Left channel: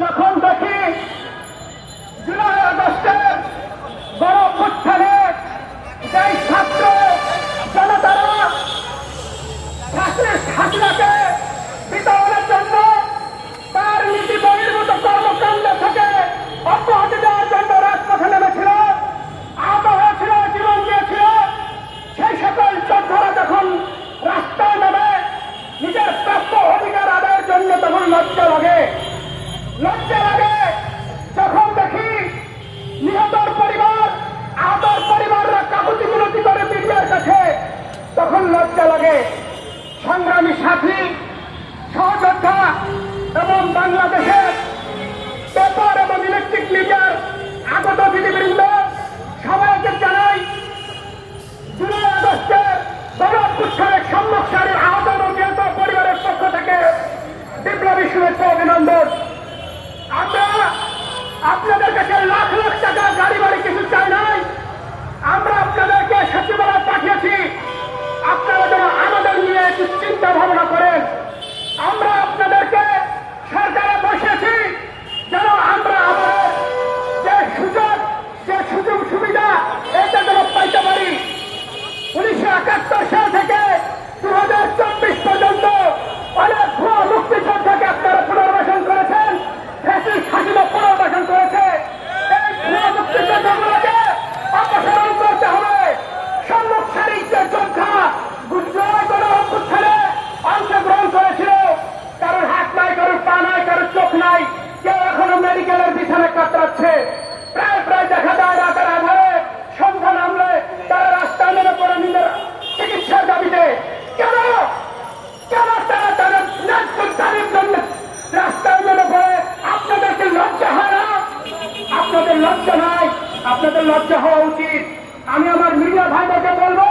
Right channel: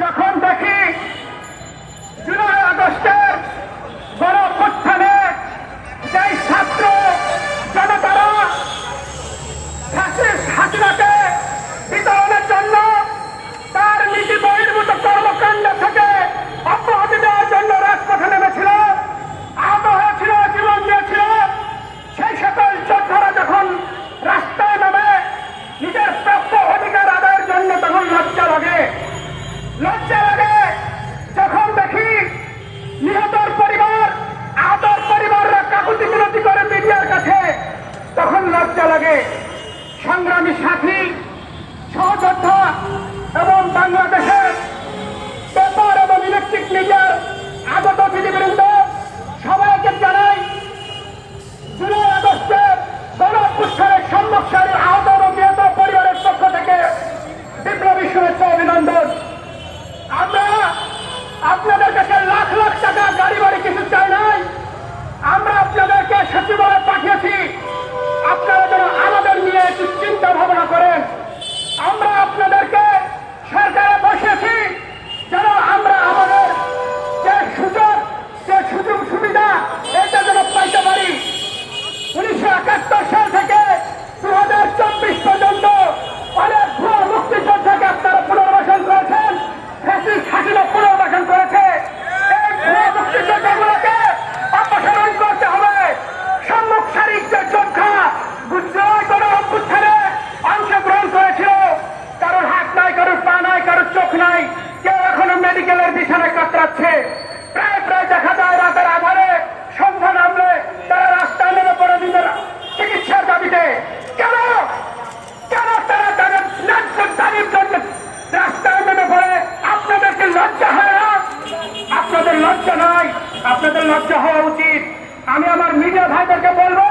যখন দেখি জুলাই আগস্টের বড় অভ্যুত্থানে যেই ছাত্র জনতারা হাসিনাকে বিতরণের জন্য তার নীতি বহির্ভূত কর্মকাণ্ড থেকে অব্যাহতি দেওয়ার জন্য রাজপথে নেমেছিল, আহত হয়েছিল, জীবন দিয়েছিল, সেই সকল যোদ্ধারা যখন রাস্তায় নামে নিজের প্রাপ্ত অধিকার আদায়ের জন্য তখন লজ্জা লাগে যখন দেখি নিহতর পরিবার, আহতর পরিবাররা কাকুতি মিনতি করে মিডিয়ার কাছে, তখন লজ্জা লাগে। সংগ্রামী সাথী, সহযোদ্ধা এবং বাংলাদেশের পেপার এবং ইলেকট্রিক মিডিয়ার আগত বিধিবৃন্দ সবাইকে জানাই জুলাই আগস্টের বড় অভ্যুত্থানের সম্মুখ সারির আহত এবং নিহত পরিবারের পক্ষ থেকে বিপ্লবী শুভেচ্ছা অভিনন্দন। আমরা আপনাদের কাছে লাখ লাখ টাকা গাড়ি বাড়ি কিছু চাই নাই, আমরা আপনাদেরকে সচিবালয় পাঠিয়েছি আপনারা যেন আমাদের নিয়ে একটু চিন্তা ভাবনা করেন। আমরা আপনাদেরকে সরকারে বসেছি যেন আমরা আমাদের যে সুযোগ সুবিধা এটা যেন পাইতে পারি। 1971 সাল থেকে 2024 পর্যন্ত অনেক ভুয়া মুক্তিযোদ্ধাকে আপনারা পুনর্বাসন করেছেন, হাসিনা পুনর্বাসন করেছে। এই ভুয়া মুক্তিযোদ্ধাগুলোকে অপসারণ করতে হবে। সম্মুখ সারির যে যোদ্ধা গুজরাট অভ্যুত্থানে অংশগ্রহণ করেছিল, কারোর হাত নাই, কারোর পা নাই, কারোর চোখ নাই, কেউ এখনো মেডিকেলের বিছানায় কাতরাচ্ছে। প্রায় দেখা যায় রাতের আধারে সন্ধ্যা নামলে তারা রাস্তায় নেমে পড়ে নিজের চিকিৎসার দাবিতে। কেন তারা তাদের দাবির জন্য রাস্তায় নেমে পড়ে? আপনাদেরকে লজ্জা হয় না? আপনাদের লজ্জা নাই, আপনাদের লজ্জা হওয়া উচিত। আমি আমার মিডিয়া ভাইদেরকে বলবো,